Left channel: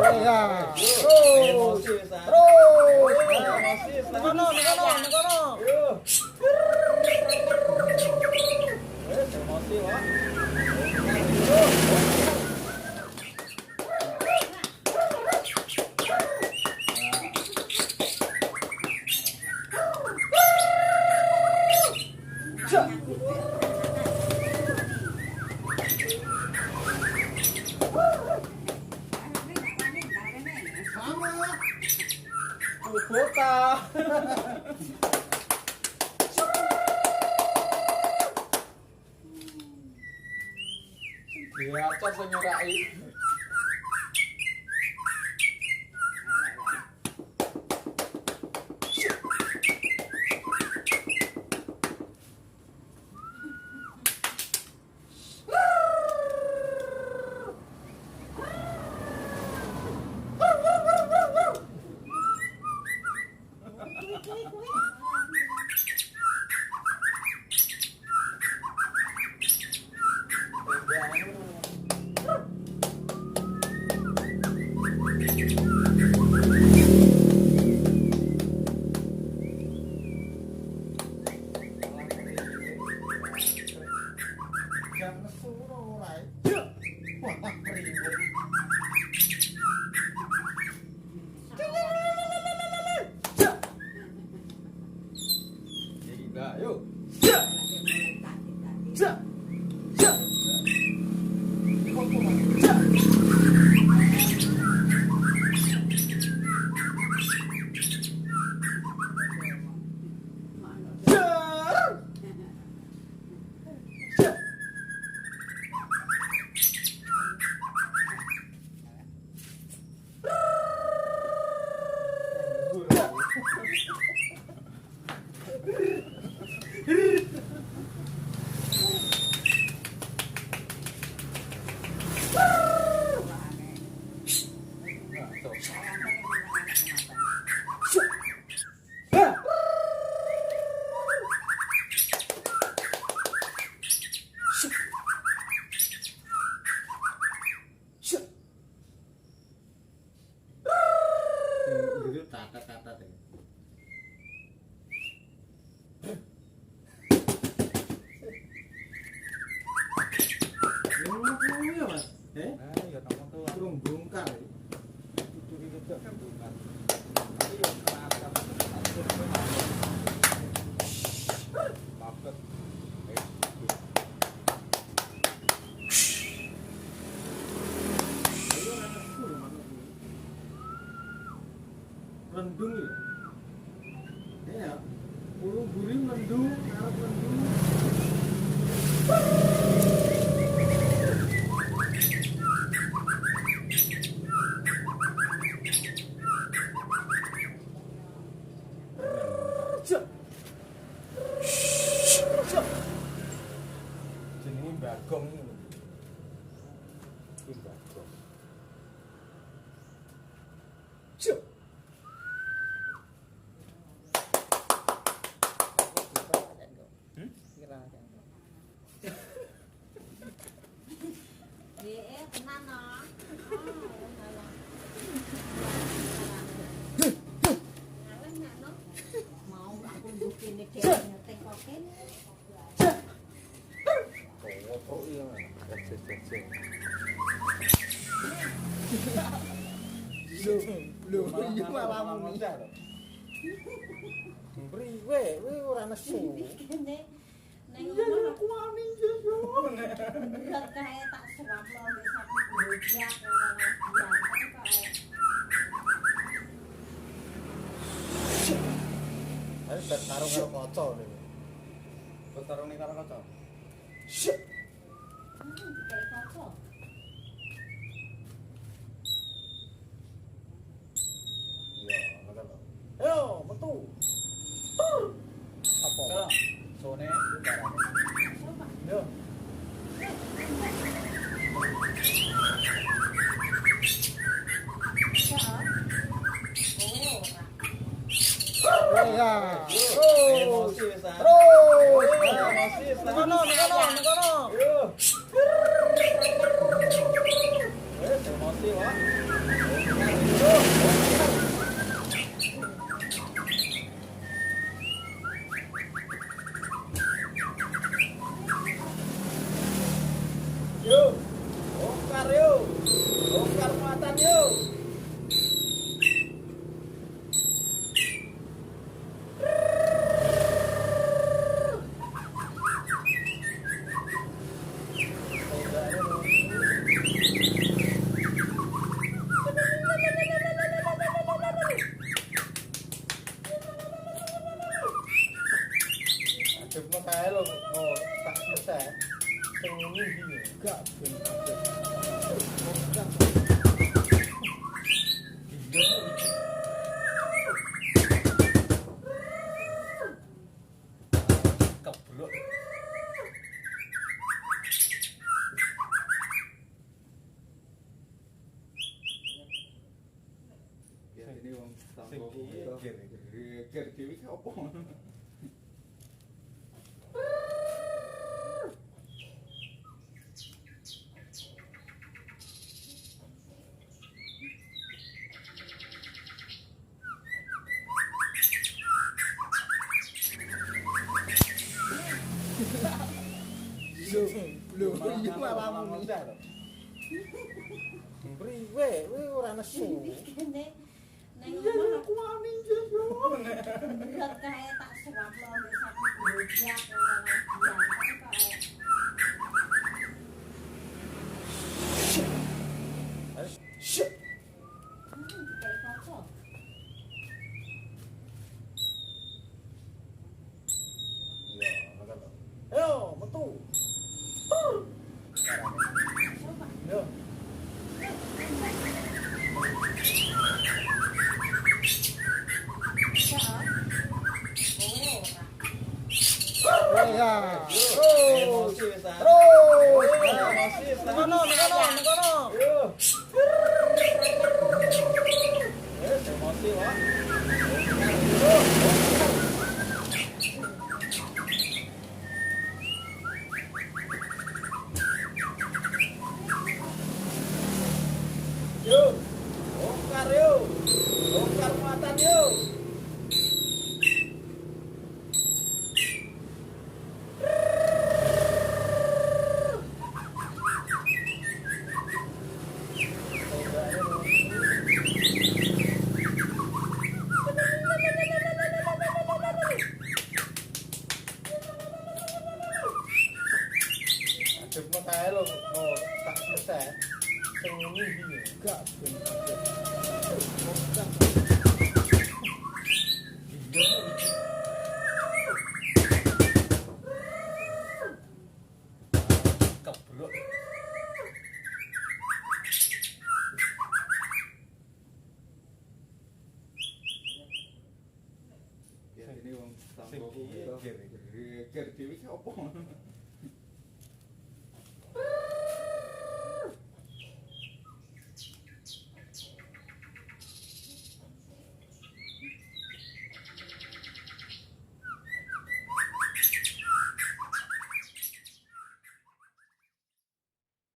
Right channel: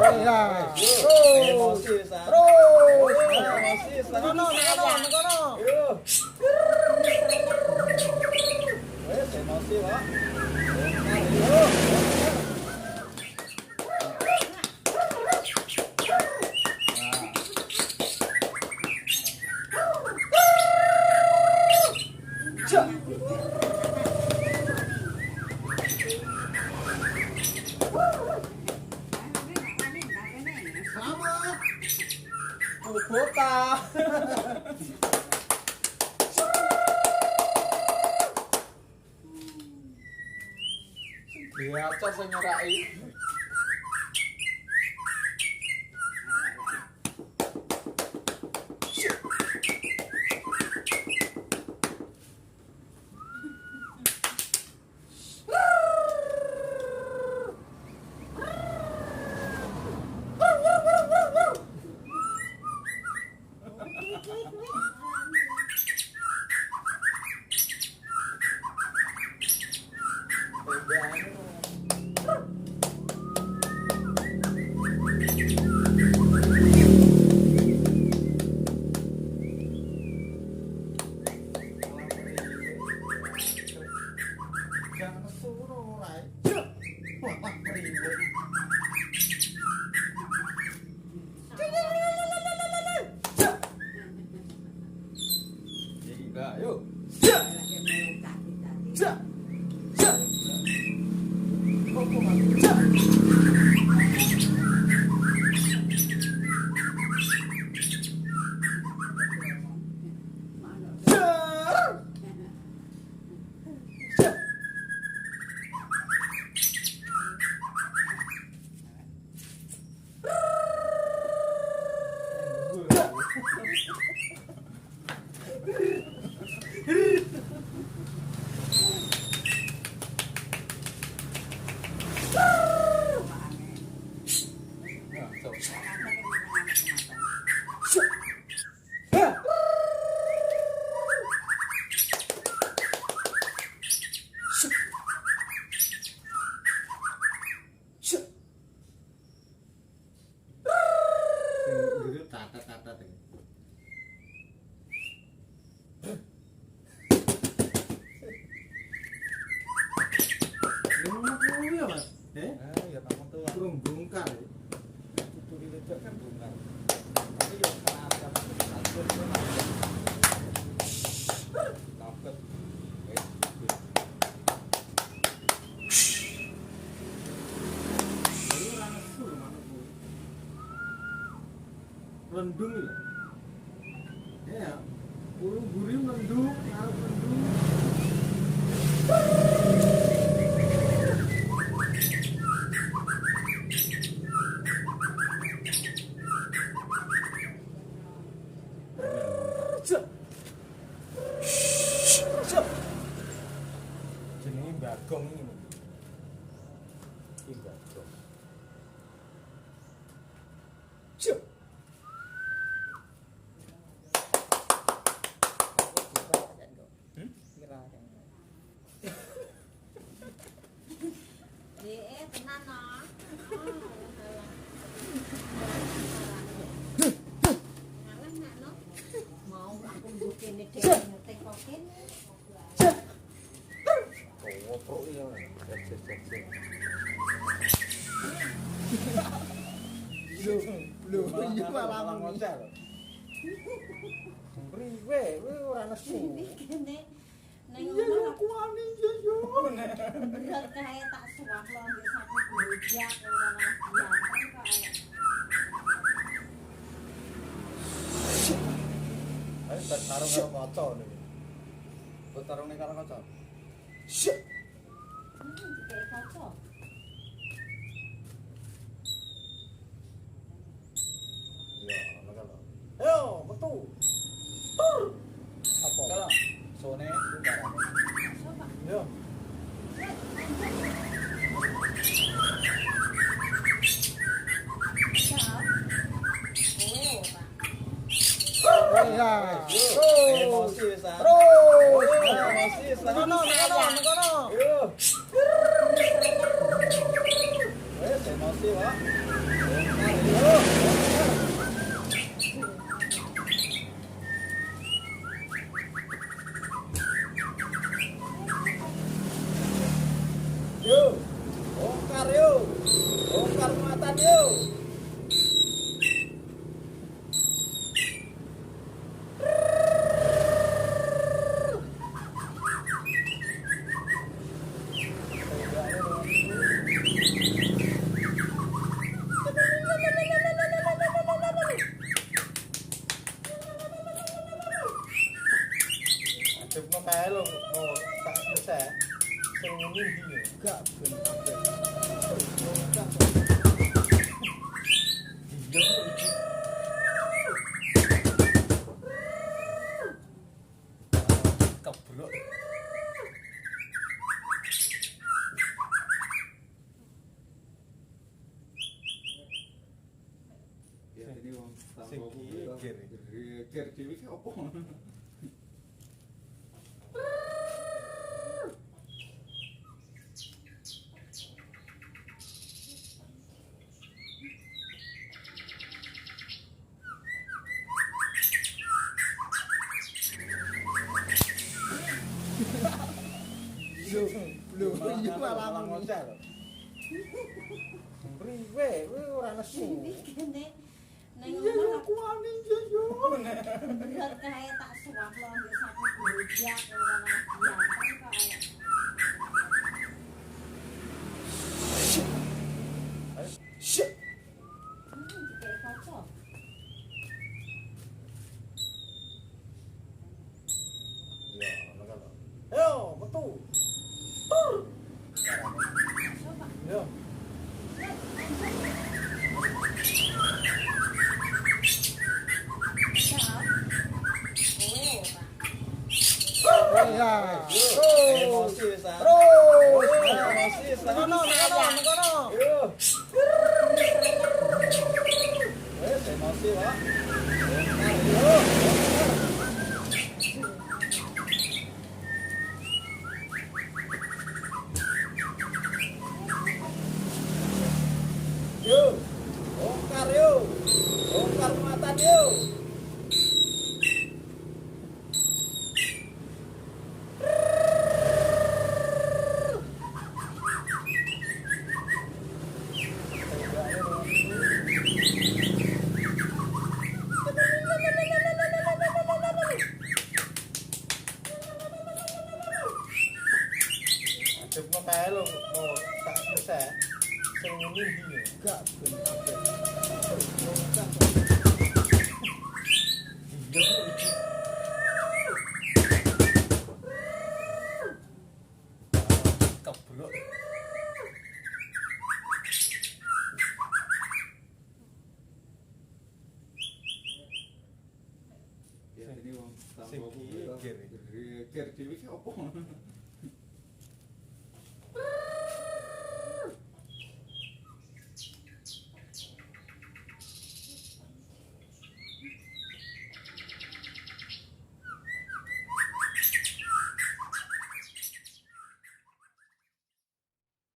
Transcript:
Ya. Terus. Terus. Nekono. Emosi, Pak. Kota. Dia acak senyorai. Burung bongkar. Itu kan bongkar. Tapi yang terasa rendung ya. Burung burung rendung, arep rendung. Jenenge bagong iki. Iki bagong. Cuk. Tenan no. Mau aku bukine dhewe ngerti kok kene. Oh iya, kecil-kecil. Lho, iya malah muni. Priwe, kowe ora nesu. Neng ngono aku wani yo. Bener kae tak suwap lo wis aku bojak ora Ayo tak sarung karo kaca niku. Kok sarunge karo kaca? Syek. kayak kaca. Iya, ngono. Ayo, metu. Apa? Sone barane. Yo. Ya. Terus. Nekono. Emosi, Pak. Sing ngene iki lho. Gak ben kabeh. Kebruk. Ya ini wong Sing geger. geger dhewe ki opo ngono. Lho, iki malah muni. Priwe, kowe ora nesu. Iki kene nang Iya ngono aku wani yo. berat kae tak suap lo nggo sapi gojak ora malah Shit. kayak kocok. Iya, ngono. Ayo, metu. Yo. Ya. Emosi wis ta. Terus. Emosi wis ta. Nekono. Yo. Emosi wae. Yo. Bongkar yo. Bongkar muatan yo. Adepno kae lho, tak selesai. Sing ngene iki lho. Gak ben kabeh. Kebruk. Ya ini wong Sing geger. geger dhewe ki opo ngono.